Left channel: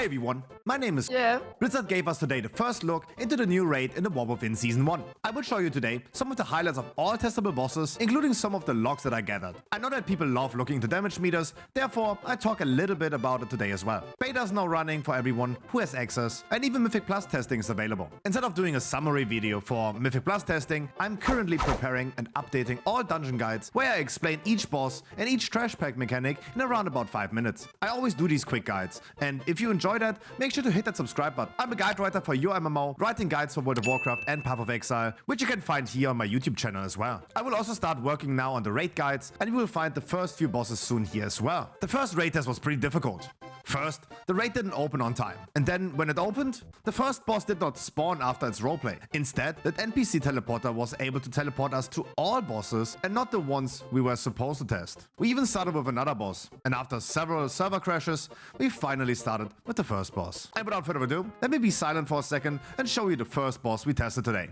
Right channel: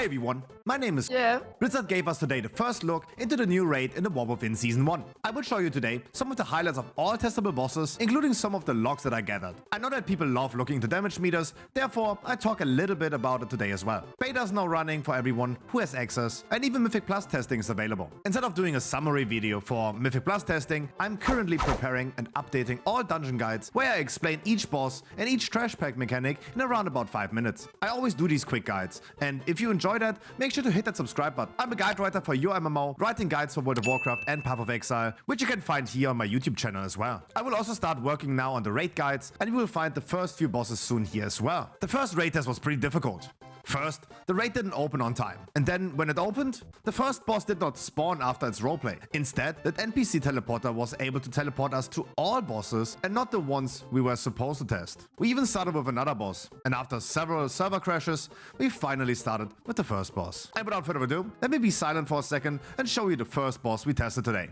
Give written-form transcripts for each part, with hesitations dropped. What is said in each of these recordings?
Hey everyone, my name is Yeah. Blizzard gave us today the first look into the new raid in the War Within Season 1. I will show you today some of the highlights of all testable bosses, including some of the logs that I gathered. I know that people love looking into damage meters, therefore I talk a little bit about it today as well. Beta is now running for everyone who has access, and even Mythic Plus testing is available. Instead of doing a summary video for Mythic Plus testing, I'm currently preparing and updating all dungeon guides where I explain each boss and each trash pack mechanic in around about 5 minutes. I always do these quick guides, and if you enjoy that, make sure to hit that subscribe button. I'm a guide writer for your MMO, writing guides for World of Warcraft and Path of Exile, which you can find here on my YouTube channel as well. I will also start working now on the raid guides, and you will find the first few bosses soon here as well. The first raid test was pretty difficult. First, the raid didn't open on time, and then when it opened, the first boss did not spawn after its roleplay. Instead, that NPC teleporter was able to teleport us to all bosses and not the ones we were supposed to test. We even started with another boss, and after several server crashes, we finally started with the first boss. And without further ado, let me be silent for a second and show you the first boss we tested today.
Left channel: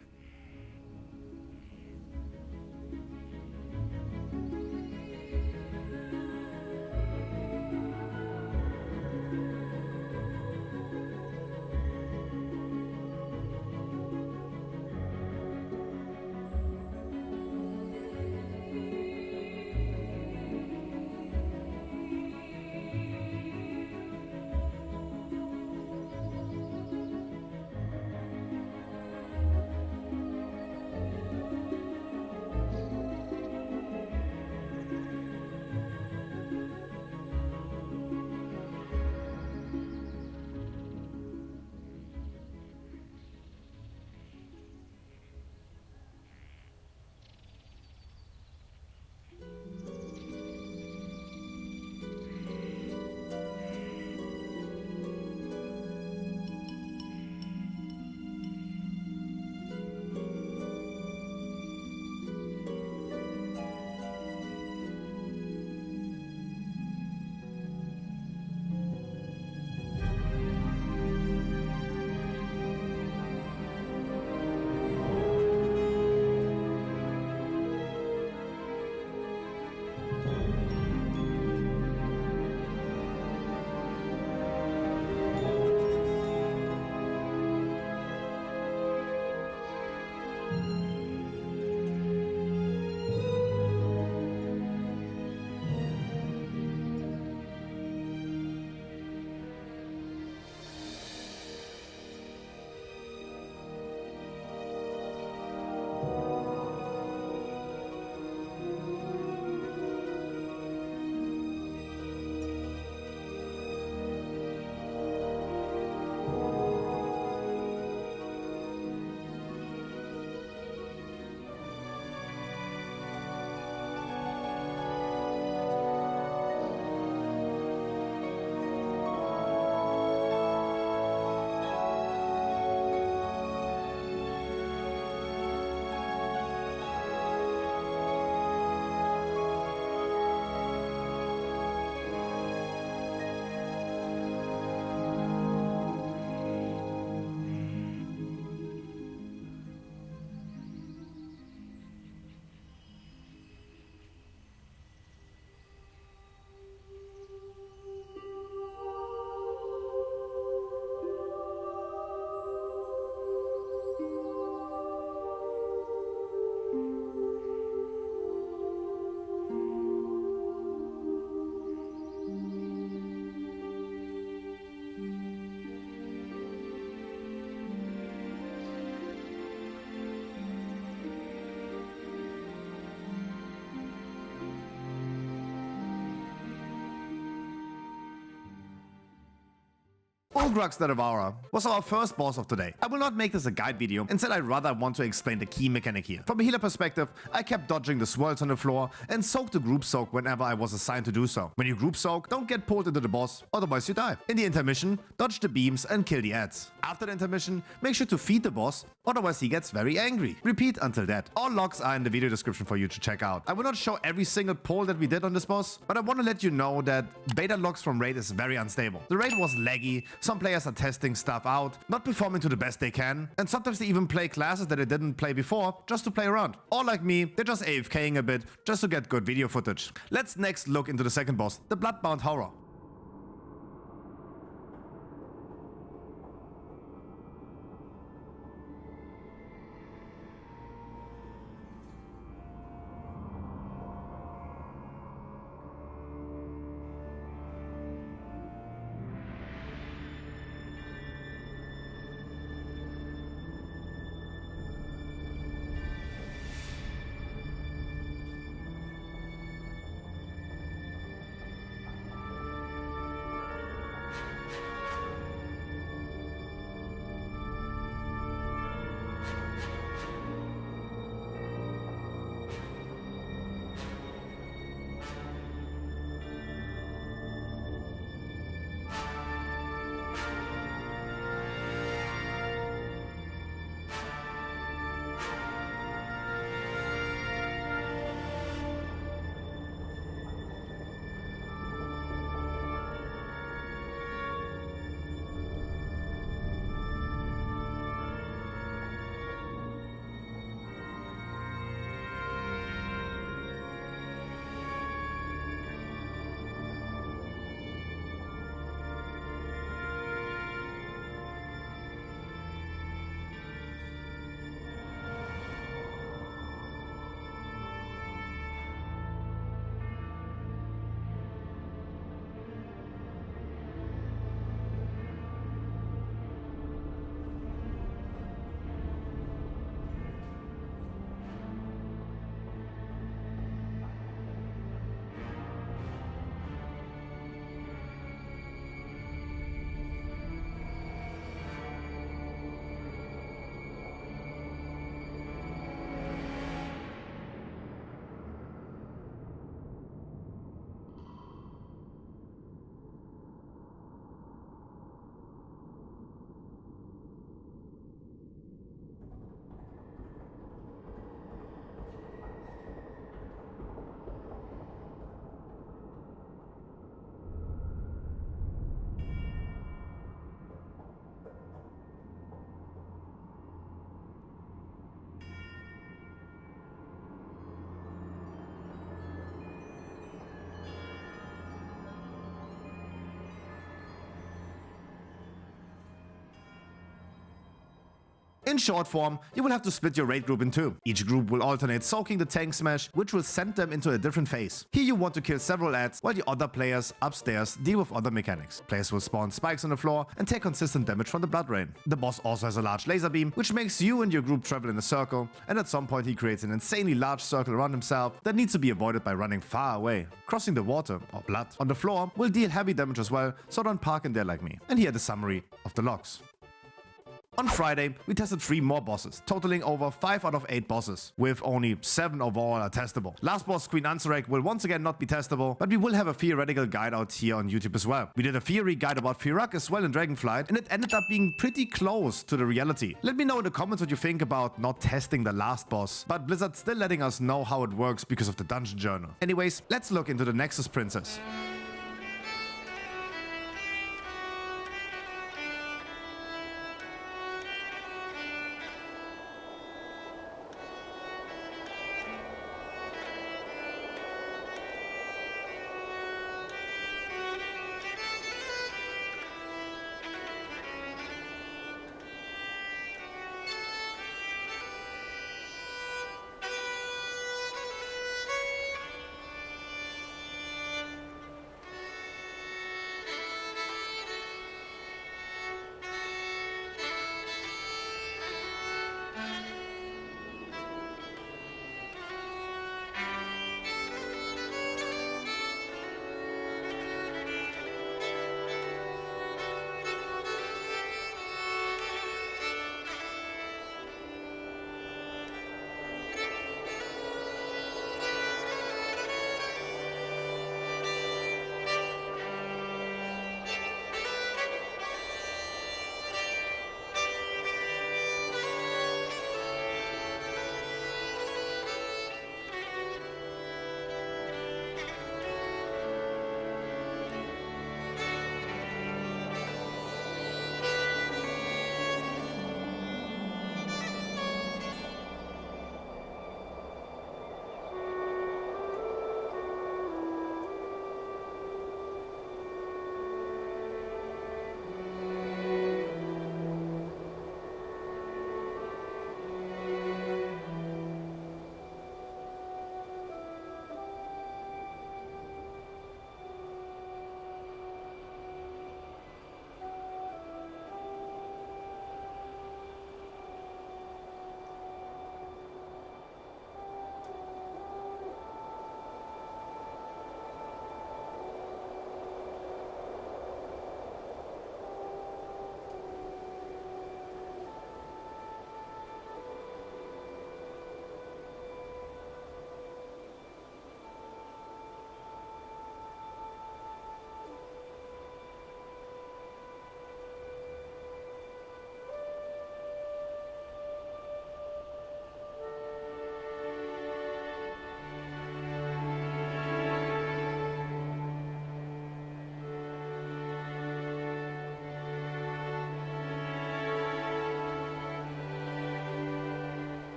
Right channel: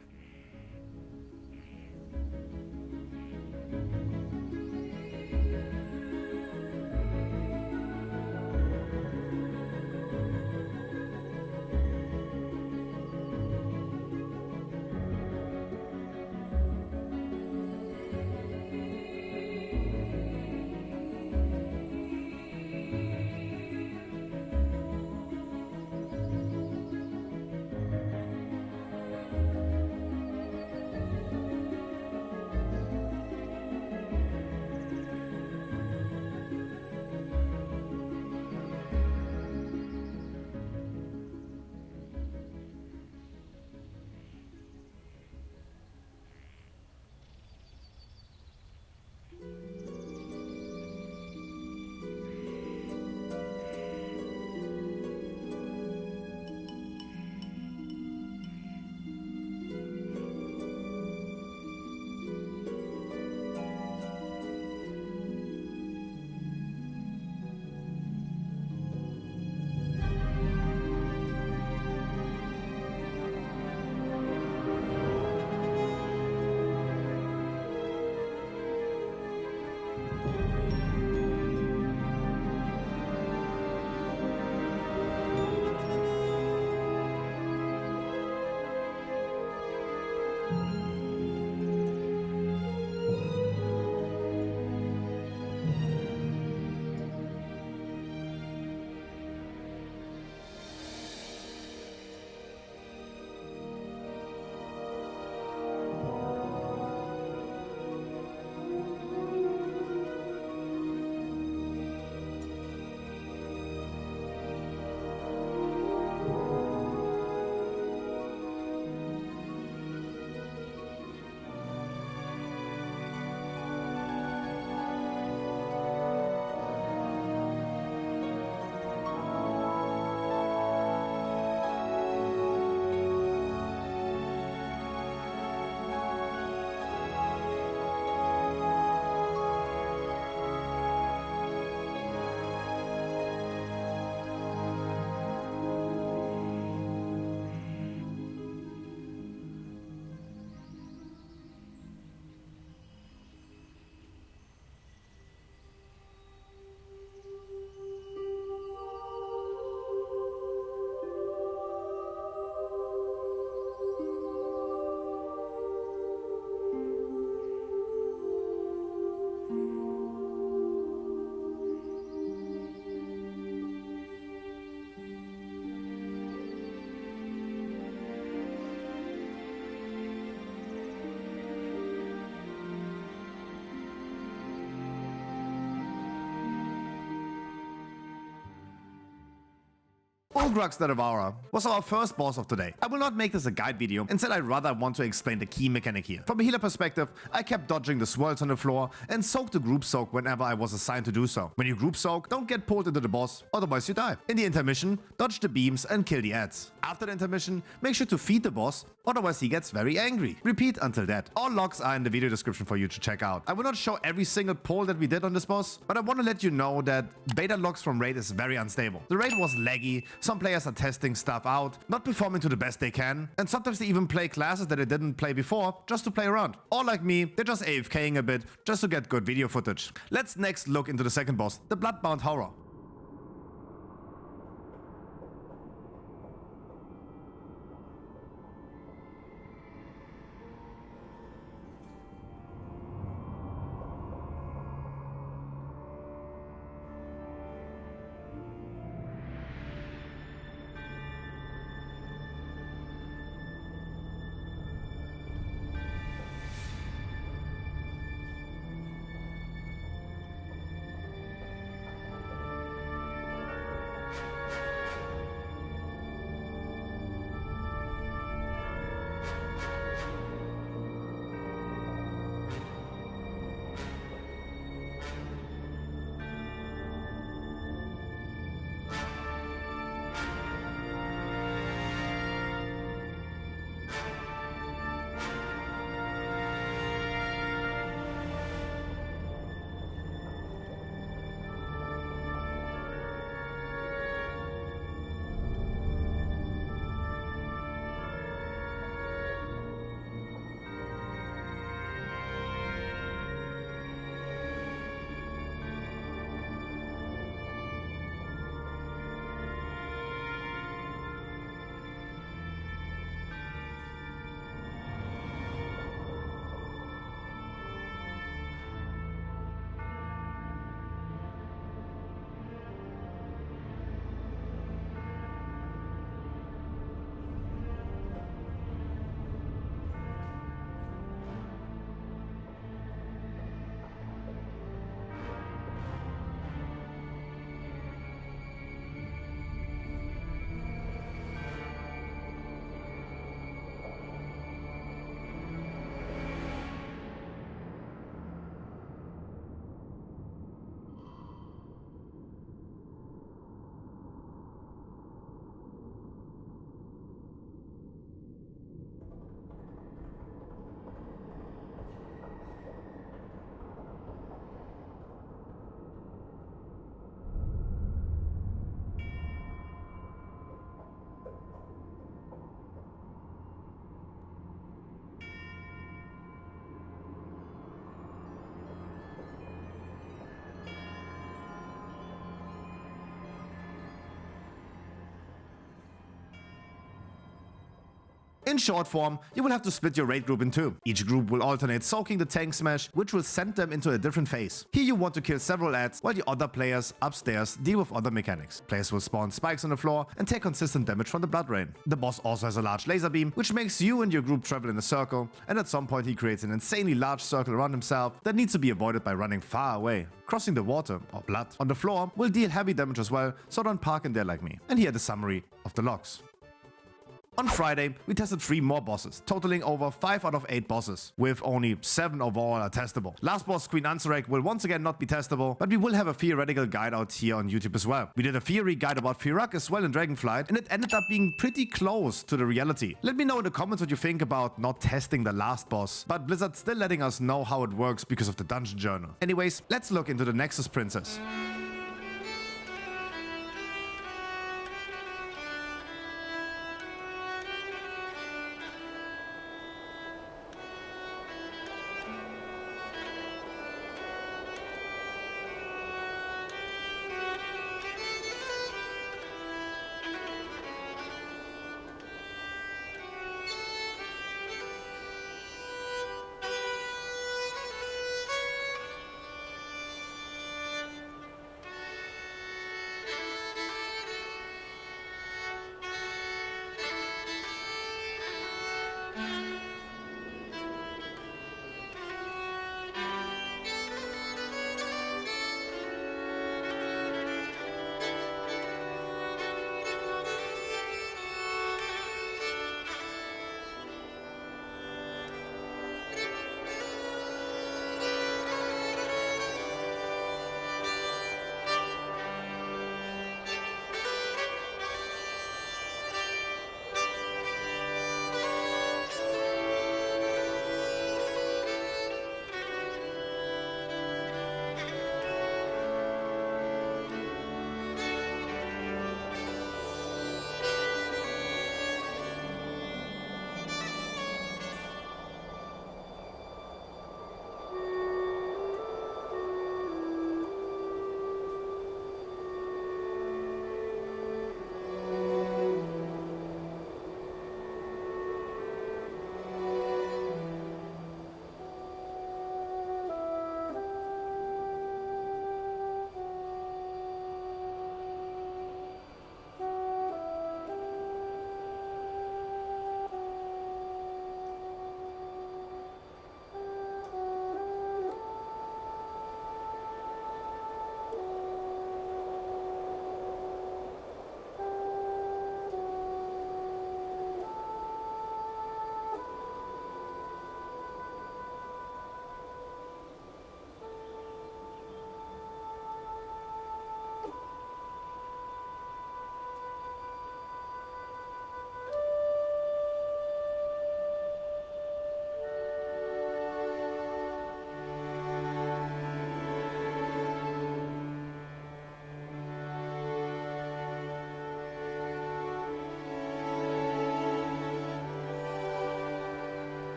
Ulgrax the Devourer was our first boss of today. I will not make this a guide video, instead I rather want to explain the key mechanic here. From a healer perspective, I kept dodging the swirls on the floor and soaked the group soak whenever I was assigned to do so. When you group soak, don't get pulled into the boss, otherwise you die. In the intermission, dodge the beams and kill the ads. After the intermission, make sure to feed the boss, otherwise he gets very angry. Repeat until that. All logs are in the video description for you to check out. I will not show every single pull that we did on this boss, but I want to let you know that beta logs from raid is very unstable. The raid was laggy, some players are testing stuff out, not performing to the best they can, and sometimes they even play classes that they didn't play before just to play around. Or like me, they're just AFKing a bit just to get good video footage. Let's next look into the second boss, the Bloodbound Horror. In short form, you will have to split your raid group in two. Each group will alternate soaking the tank smash, which will send them into a different phase. Here you want to kill several ads, while the other players upstairs deal with other mechanics. Players will spawn spikes on the floor and take consistent damage from the blood rain. The boss also has a large laser beam, which makes you and your group travel in a circle, and at some point he creates an insanely large circle around himself that needs to be avoided by running far away. Crossing the water, or blood, on the floor will deal heavy damage as well, so don't park in there like me. And here the summary of the logs. On Friday, we tested 3 more bosses, totaling over 5 out of 8 bosses, with only 7 overall are testable. Last boss, Queen Ansurek, will once again not be testable, but we will have a theoretical guide out here on YouTube as well. We did a theory guide about Firak as well in Dragonflight, and it ended up being pretty close to the reality. Let me know in the comments what you think about not testing the last boss, but Blizzard still letting us know how it works because of the dungeon journal. Anyways, let's look into the Nexus-Princess.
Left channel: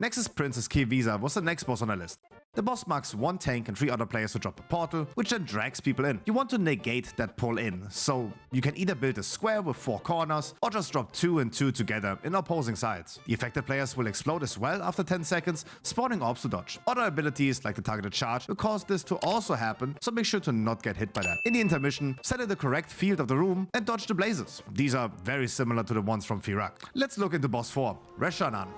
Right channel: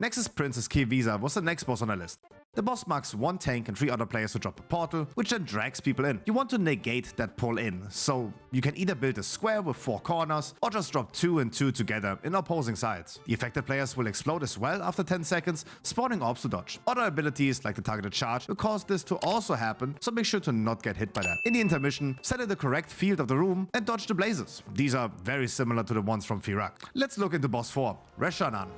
Nexus-Princess Ky'veza was the next boss on our list. The boss marks one tank and 3 other players to drop a portal, which then drags people in. You want to negate that pull in, so you can either build a square with 4 corners, or just drop 2 and 2 together in opposing sides. The affected players will explode as well after 10 seconds, spawning orbs to dodge. Other abilities like the targeted charge will cause this to also happen, so make sure to not get hit by that. In the intermission, set in the correct field of the room and dodge the blazes. These are very similar to the ones from Firak. Let's look into boss 4, Rasha'nan.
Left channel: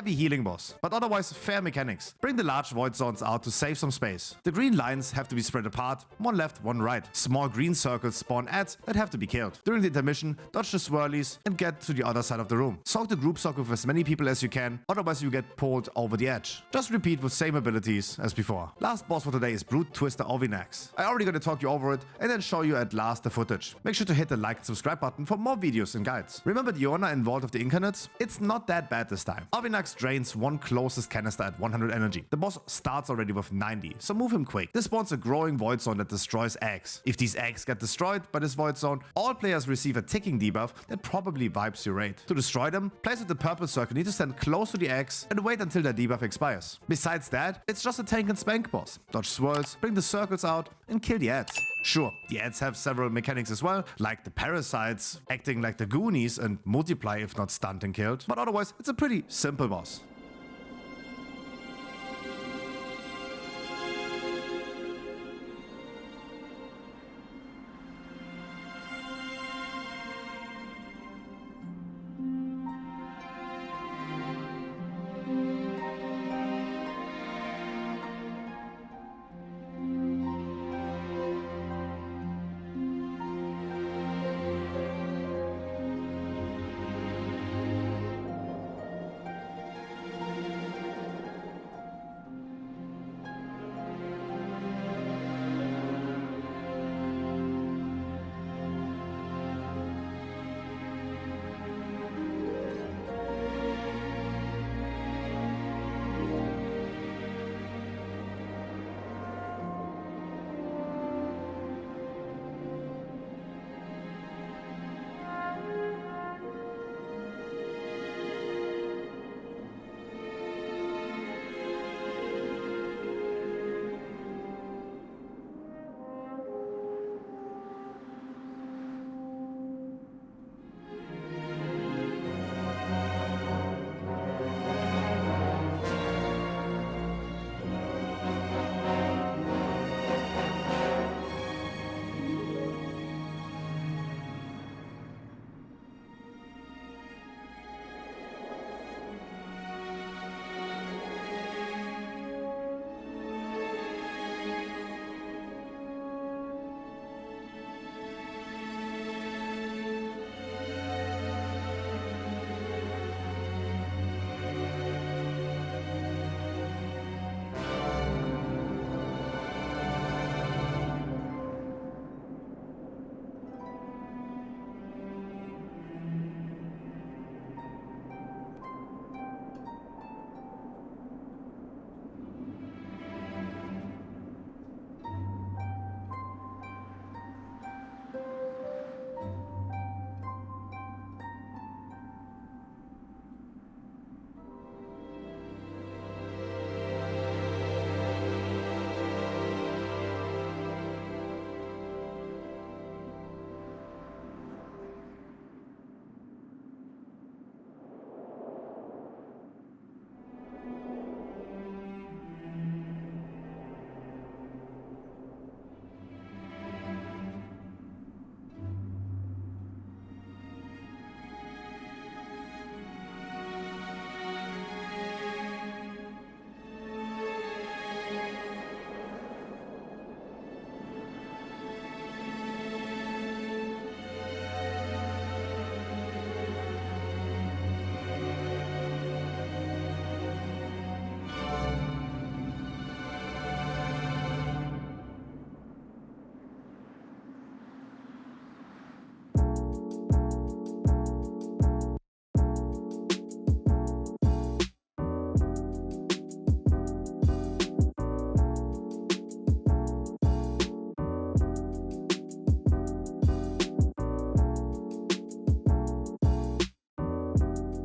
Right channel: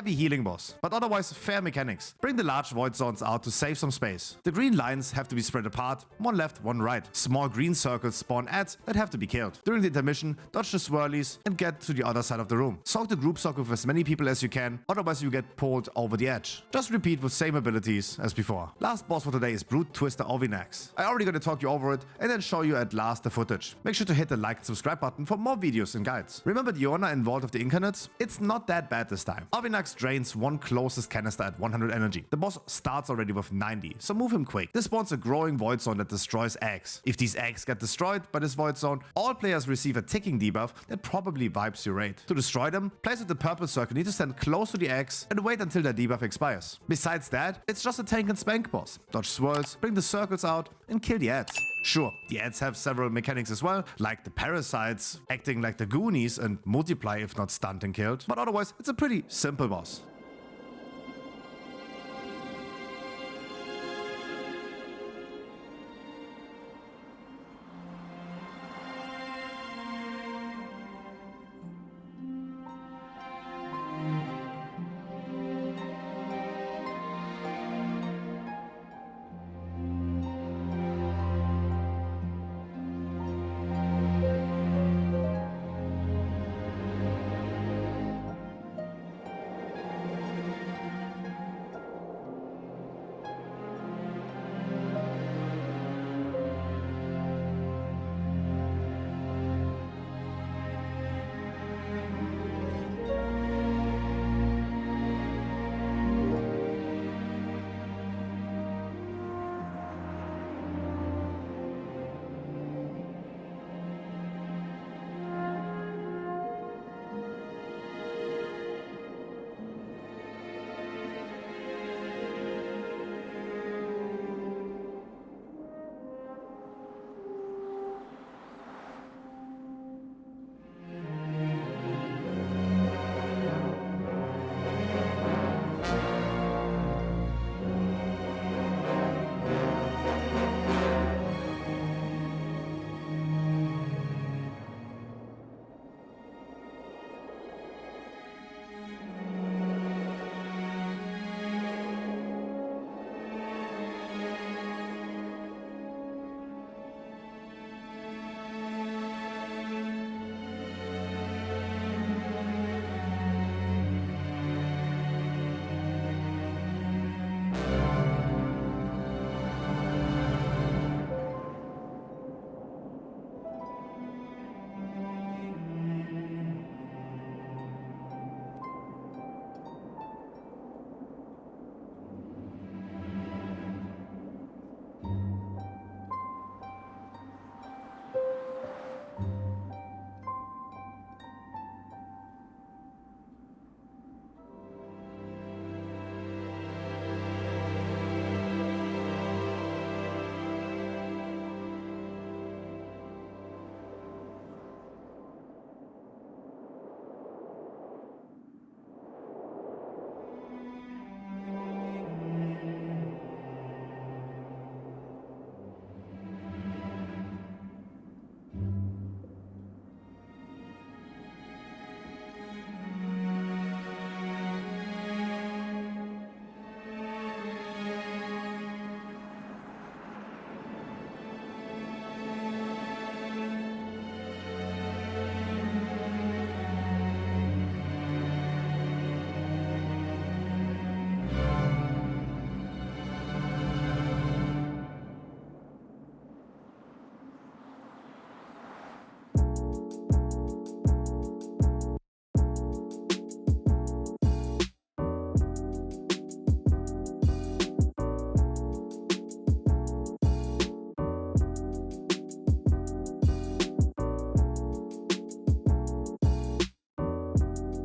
heavy healing boss, but otherwise fair mechanics. Bring the large void zones out to save some space. The green lines have to be spread apart, one left, one right. Small green circles spawn ads that have to be killed. During the intermission, dodge the swirlies and get to the other side of the room. Soak the group sock with as many people as you can, otherwise you get pulled over the edge. Just repeat with same abilities as before. Last boss for today is Eggtender Ovi'nax. I already gonna talk you over it and then show you at last the footage. Make sure to hit the like and subscribe button for more videos and guides. Remember the Iona in Vault of the Incarnates? It's not that bad this time. Ovi'nax drains one closest canister at 100 energy. The boss starts already with 90, so move him quick. This spawns a growing void zone that destroys eggs. If these eggs get destroyed by this void zone, all players receive a ticking debuff that probably wipes your raid. To destroy them, players with the purple circle need to stand close to the eggs and wait until their debuff expires. Besides that, it's just a tank and spank boss. Dodge swirls, bring the circles out, and kill the ads. Sure, the ads have several mechanics as well, like the parasites acting like the Goonies and multiply if not stunned and killed, but otherwise it's a pretty simple boss.